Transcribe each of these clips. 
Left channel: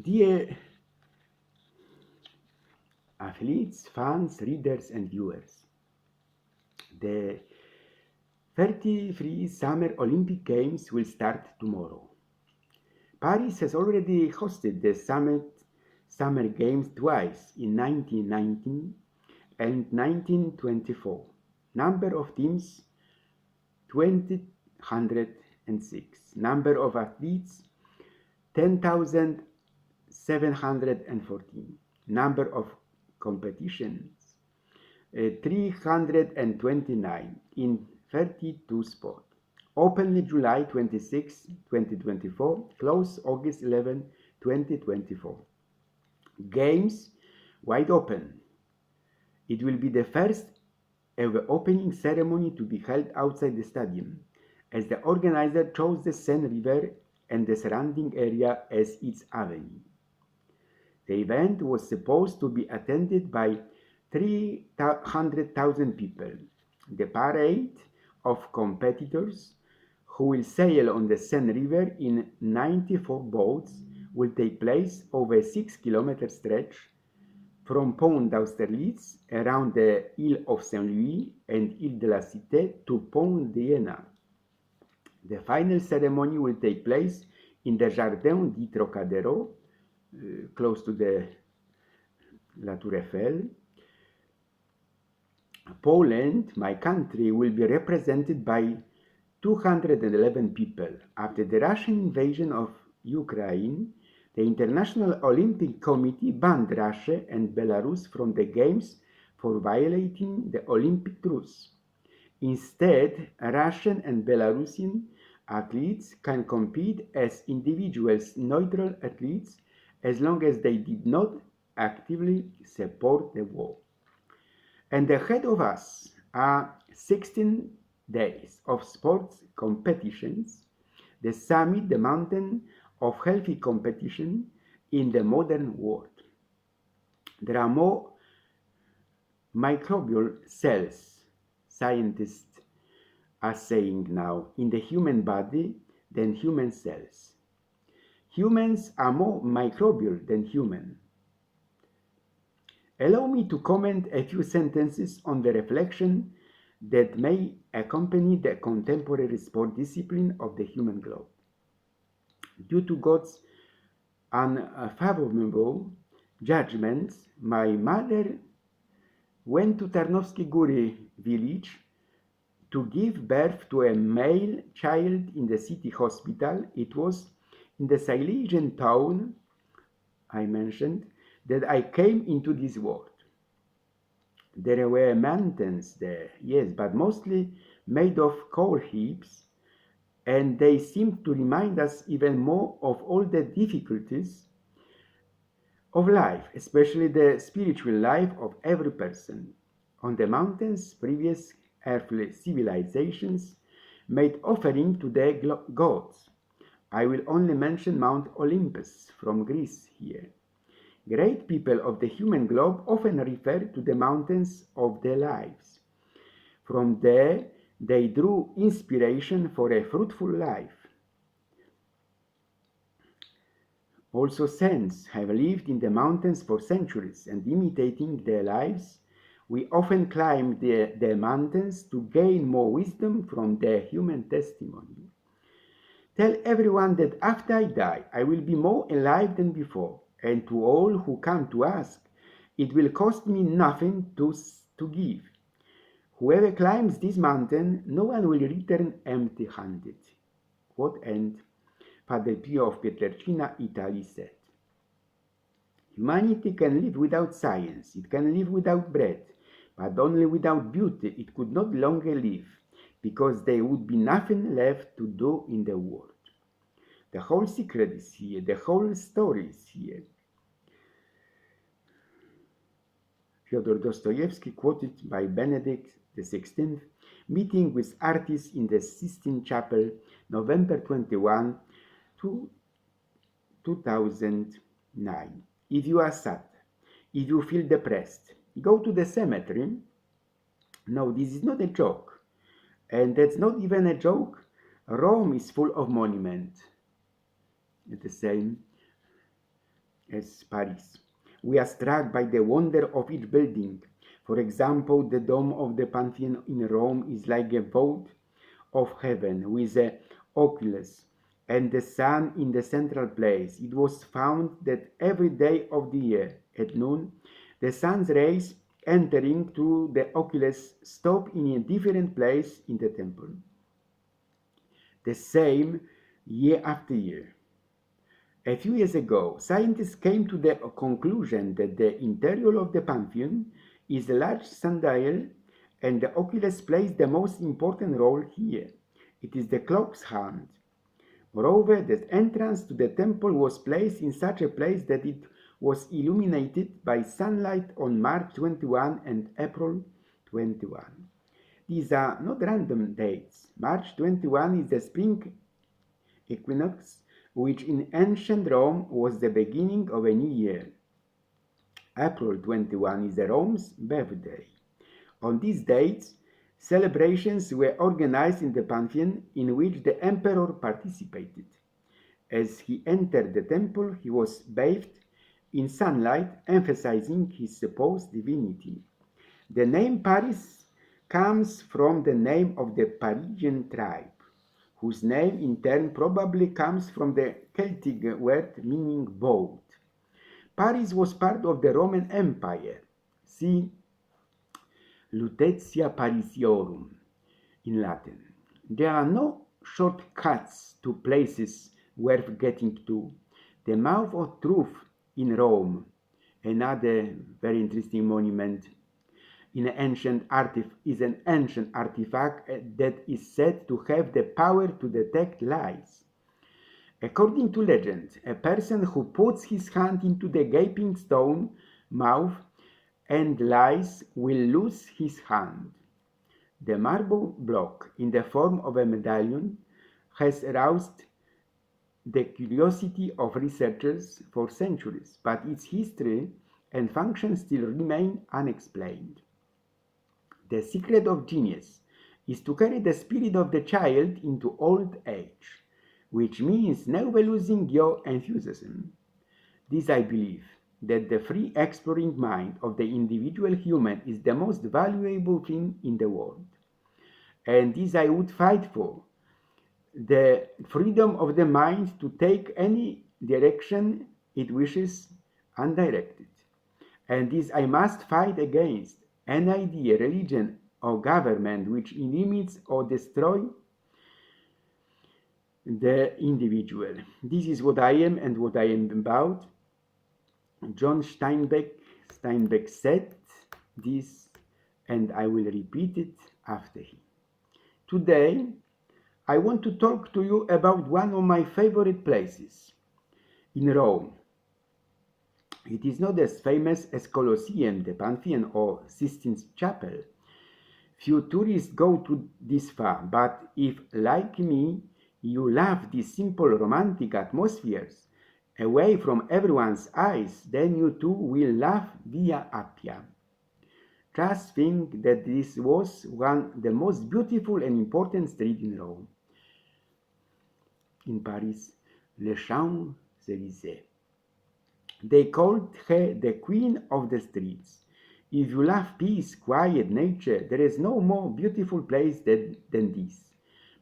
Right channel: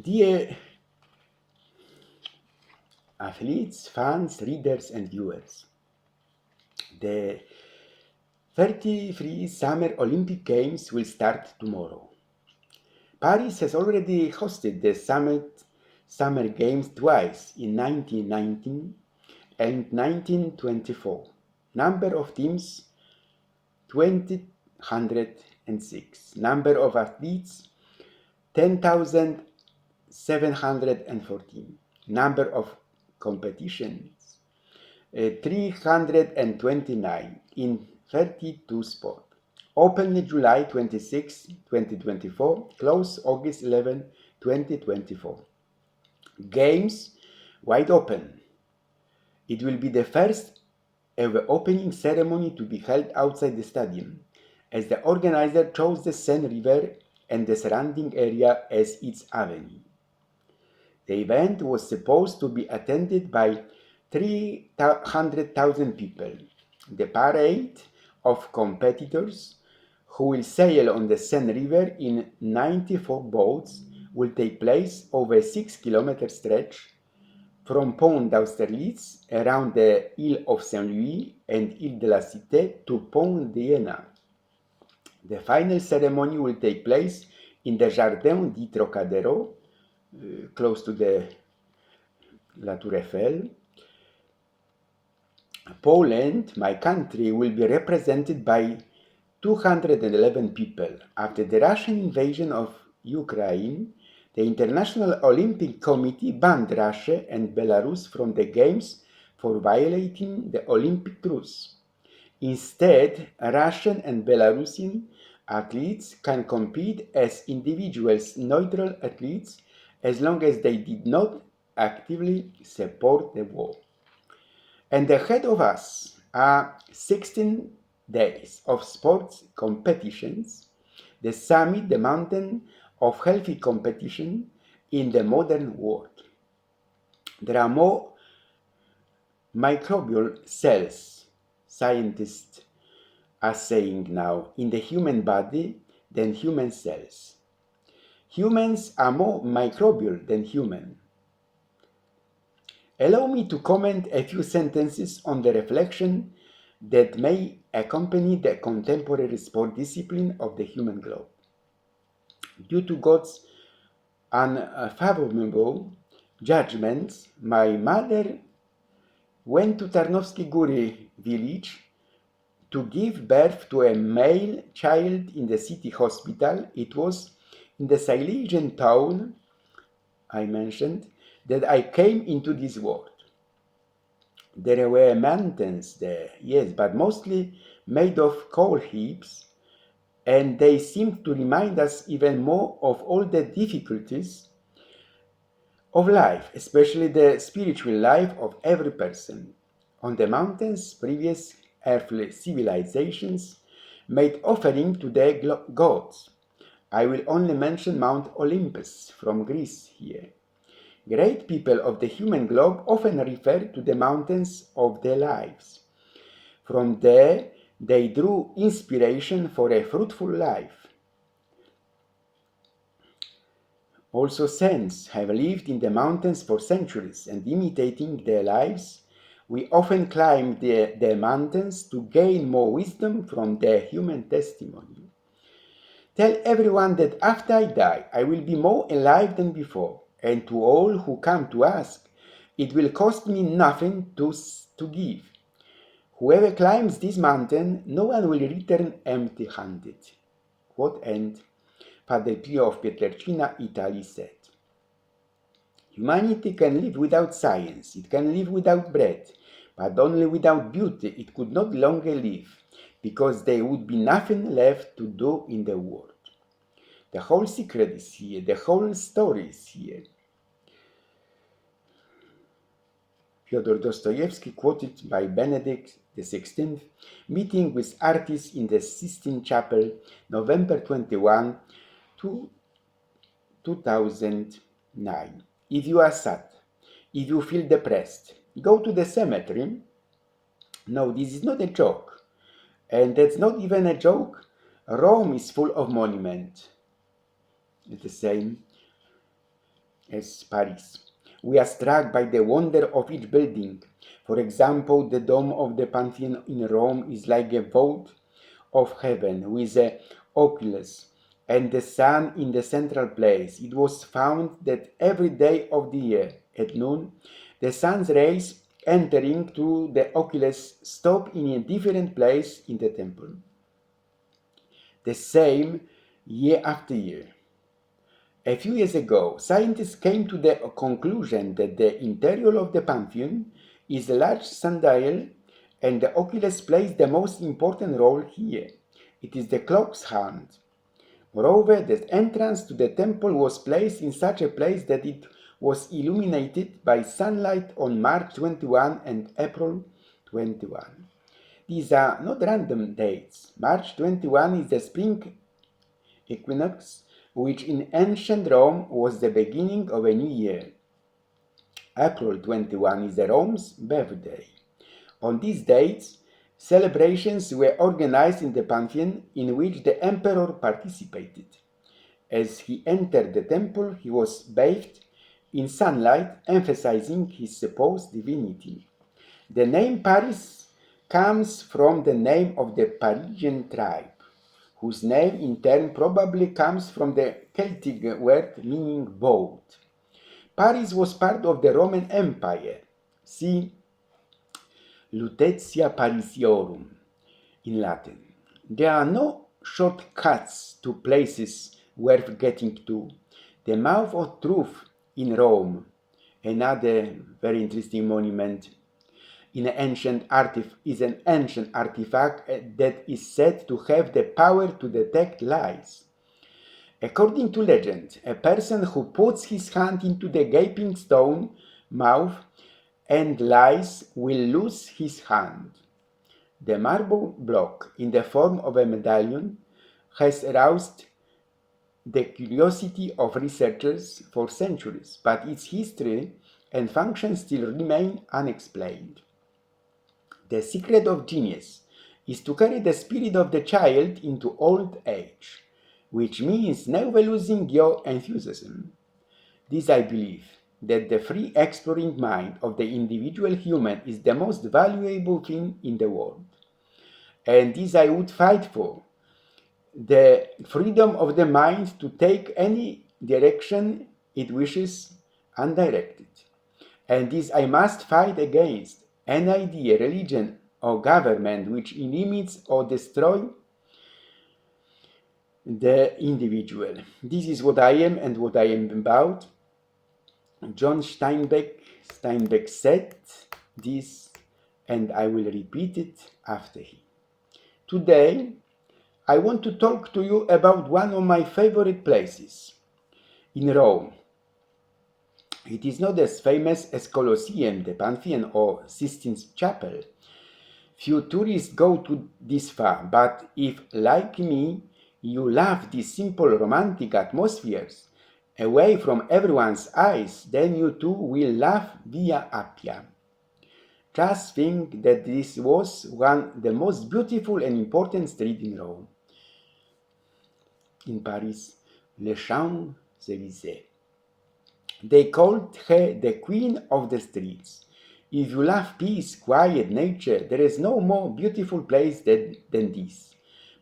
Dear athletes, fans, readers, and viewers, the 33 Summer Olympic Games will start tomorrow. Paris has already hosted the Summer Games twice in 1919 and 1924. Number of teams 206. Number of athletes 10,714. Number of competitions 329 in 32 sports. Open July 26, 2024. Close August 11, 2024. Games wide open. It will be the first ever opening ceremony to be held outside the stadium, as the organizer chose the Seine River and the surrounding area as its avenue. The event was supposed to be attended by 300,000 people. The parade of competitors who will sail on the Seine River in 94 boats will take place over a 6-kilometer stretch from Pont d'Austerlitz around the Ile of Saint-Louis and Ile de la Cité to Pont d'Iéna. The final ceremony will take place in the Jardin di Trocadero, close to the La Tour Eiffel. Poland, my country, will be represented by 211 people. After the Russian invasion of Ukraine, the International Olympic Committee banned Russia and Belarus from the Games for violating the Olympic truce. Instead, Russian and Belarusian athletes can compete as individuals, neutral athletes, as long as they did not actively support the war. And ahead of us are 16 days of sports competitions, the summit, the mountain of healthy competition in the modern world. There are more microbial cells, scientists are saying now, in the human body than human cells. Humans are more microbial than human. Allow me to comment a few sentences on the reflection that may accompany the contemporary sport discipline of the human globe. Due to God's unfathomable judgments, my mother went to Tarnowskie Góry village to give birth to a male child in the city hospital. It was in the Silesian town I mentioned that I came into this world. There were mountains there, yes, but mostly made of coal heaps, and they seemed to remind us even more of all the difficulties of life, especially the spiritual life of every person. On the mountains, previous earthly civilizations made offering to their gods. I will only mention Mount Olympus from Greece here. Great people of the human globe often refer to the mountains of their lives. From there, they drew inspiration for a fruitful life. Also, saints have lived in the mountains for centuries, and imitating their lives, we often climb the mountains to gain more wisdom from their human testimony. Tell everyone that after I die, I will be more alive than before, and to all who come to ask, it will cost me nothing to give. Whoever climbs this mountain, no one will return empty-handed. Quote end. Padre Pio of Pietrelcina, Italy said. Humanity can live without science, it can live without bread, but only without beauty it could not longer live, because there would be nothing left to do in the world. The whole secret is here, the whole story is here. Fyodor Dostoevsky, quoted by Benedict XVI, meeting with artists in the Sistine Chapel, November 21, 2009. If you are sad, if you feel depressed, go to the cemetery. No, this is not a joke. And that's not even a joke. Rome is full of monuments. It's the same. as Paris. We are struck by the wonder of each building. For example, the dome of the Pantheon in Rome is like a vault of heaven with a oculus and the sun in the central place. It was found that every day of the year at noon, the sun's rays entering through the oculus stop in a different place in the temple. The same year after year. A few years ago, scientists came to the conclusion that the interior of the Pantheon is a large sundial and the oculus plays the most important role here. It is the clock's hand. Moreover, the entrance to the temple was placed in such a place that it was illuminated by sunlight on March 21 and April 21. These are not random dates. March 21 is the spring equinox, which in ancient Rome was the beginning of a new year. April 21 is the Rome's birthday. On these dates, celebrations were organized in the Pantheon in which the emperor participated. As he entered the temple, he was bathed in sunlight, emphasizing his supposed divinity. The name Paris comes from the name of the Parisian tribe, whose name in turn probably comes from the Celtic word meaning boat. Paris was part of the Roman Empire. See Lutetia Parisiorum in Latin. There are no shortcuts to places worth getting to. The Mouth of Truth in Rome, another very interesting monument, is an ancient artifact that is said to have the power to detect lies. According to legend, a person who puts his hand into the gaping stone mouth and lies will lose his hand. The marble block in the form of a medallion has aroused the curiosity of researchers for centuries, but its history and function still remain unexplained. The secret of genius is to carry the spirit of the child into old age, which means never losing your enthusiasm. This I believe, that the free exploring mind of the individual human is the most valuable thing in the world. And this I would fight for, the freedom of the mind to take any direction it wishes undirected. And this I must fight against an idea, religion, or government which limits or destroys the individual. This is what I am and what I am about. John Steinbeck said this, and I will repeat it after him. Today, I want to talk to you about one of my favorite places in Rome. It is not as famous as Colosseum, the Pantheon, or Sistine Chapel. Few tourists go to this far, but if, like me, you love these simple romantic atmospheres, away from everyone's eyes, then you too will love Via Appia. Just think that this was the most beautiful and important street in Rome. In Paris, Les Champs-Élysées. They called her the Queen of the Streets. If you love peace, quiet, nature, there is no more beautiful place than this.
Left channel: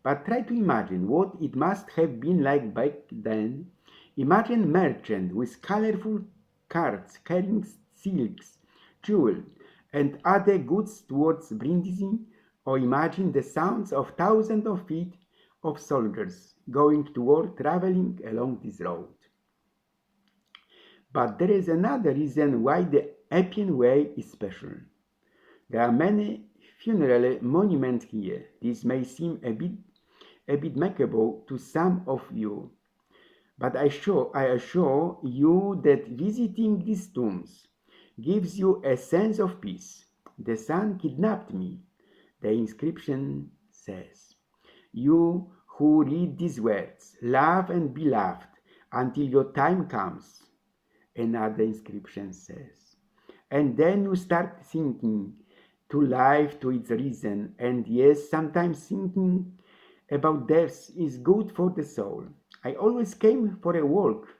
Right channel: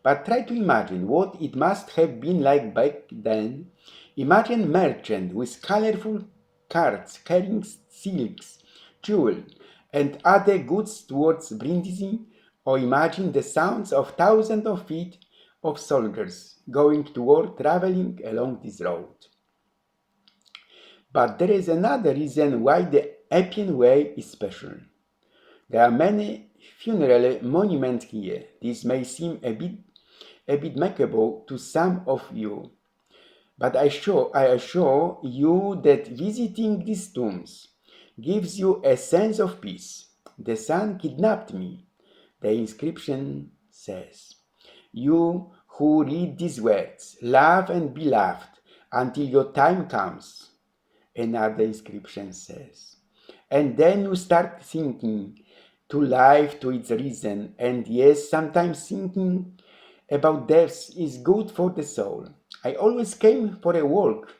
But try to imagine what it must have been like back then. Imagine merchants with colorful carts carrying silks, jewels, and other goods towards Brindisi, or imagine the sounds of thousands of feet of soldiers going to war, traveling along this road. But there is another reason why the Appian Way is special. There are many funeral monuments here. This may seem a bit macabre to some of you, but I assure you that visiting these tombs gives you a sense of peace. The sun kidnapped me, the inscription says. You who read these words, love and be loved until your time comes, another inscription says. And then you start thinking to life, to its reason, and yes, sometimes thinking about death is good for the soul. I always came for a walk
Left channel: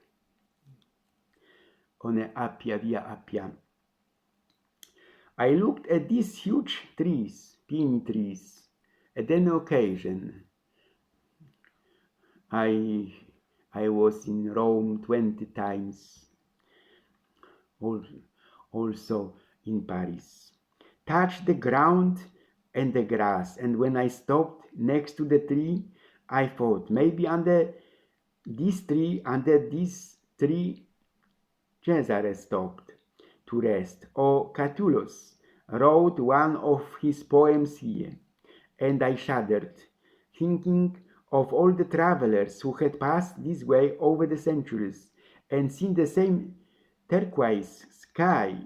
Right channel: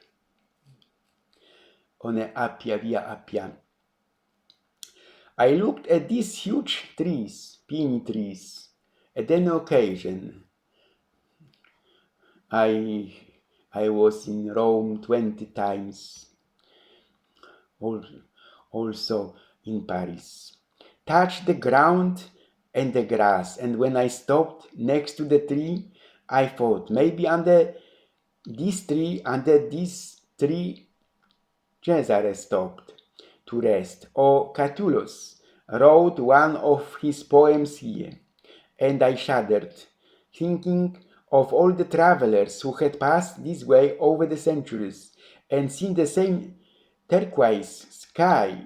on Appia, via Appia. I looked at these huge trees, pine trees, at an occasion. I was in Rome 20 times, also in Paris. Touched the ground and the grass, and when I stopped next to the tree, I thought maybe under this tree, Cesare stopped to rest, or Catullus wrote one of his poems here, and I shuddered, thinking of all the travelers who had passed this way over the centuries and seen the same turquoise sky.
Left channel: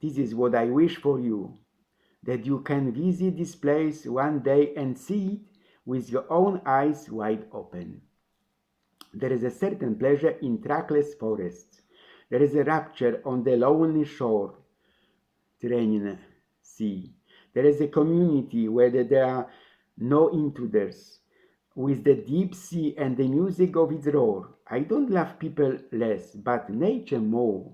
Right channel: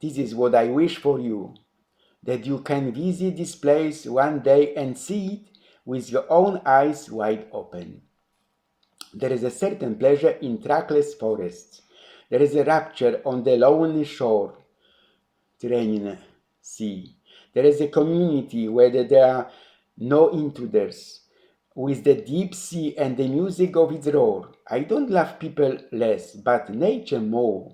This is what I wish for you, that you can visit this place one day and see it with your own eyes wide open. There is a certain pleasure in trackless forests. There is a rapture on the lonely shore, Tyrrhenian Sea. There is a community where there are no intruders, with the deep sea and the music of its roar. I don't love people less, but nature more.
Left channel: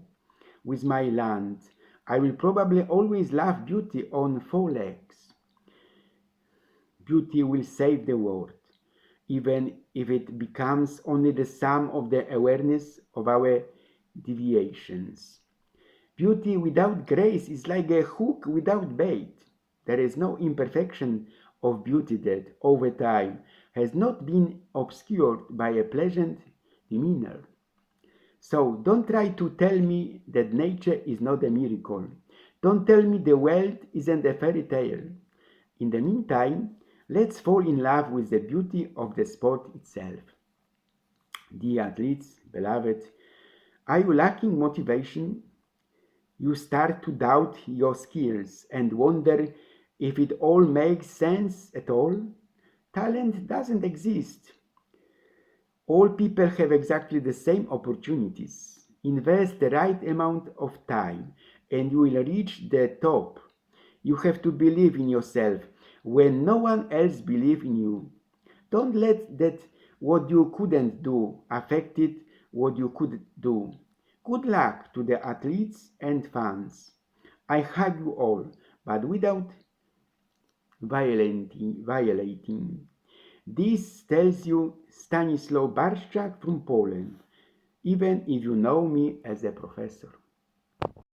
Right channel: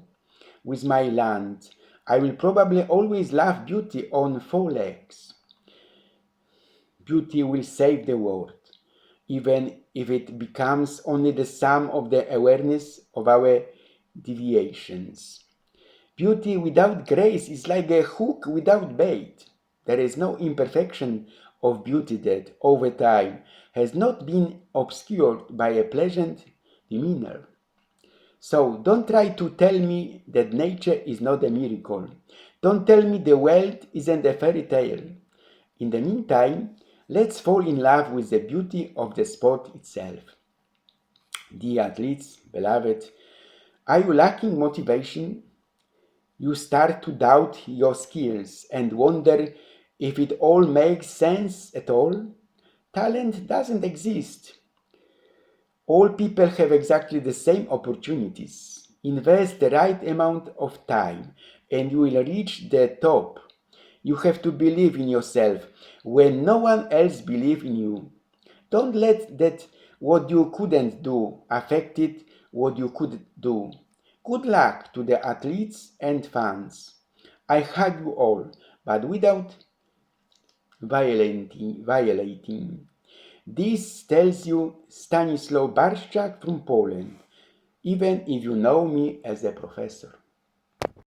With my land, I will probably always love beauty on four legs. Beauty will save the world, even if it becomes only the sum of the awareness of our deviations. Beauty without grace is like a hook without bait. There is no imperfection of beauty that, over time, has not been obscured by a pleasant demeanor. So don't try to tell me that nature is not a miracle. Don't tell me the world isn't a fairy tale. In the meantime, let's fall in love with the beauty of the sport itself. Dear athletes, beloved, are you lacking motivation? You start to doubt your skills and wonder if it all makes sense at all? Talent doesn't exist. All people have exactly the same opportunities. Invest the right amount of time and you will reach the top. You have to believe in yourself when no one else believes in you. Don't let that what you couldn't do affect it what you could do. Good luck to the athletes and fans. I hug you all, but without violating. This tells you Stanislaw Barszczak from Poland, even if you know me as a professor.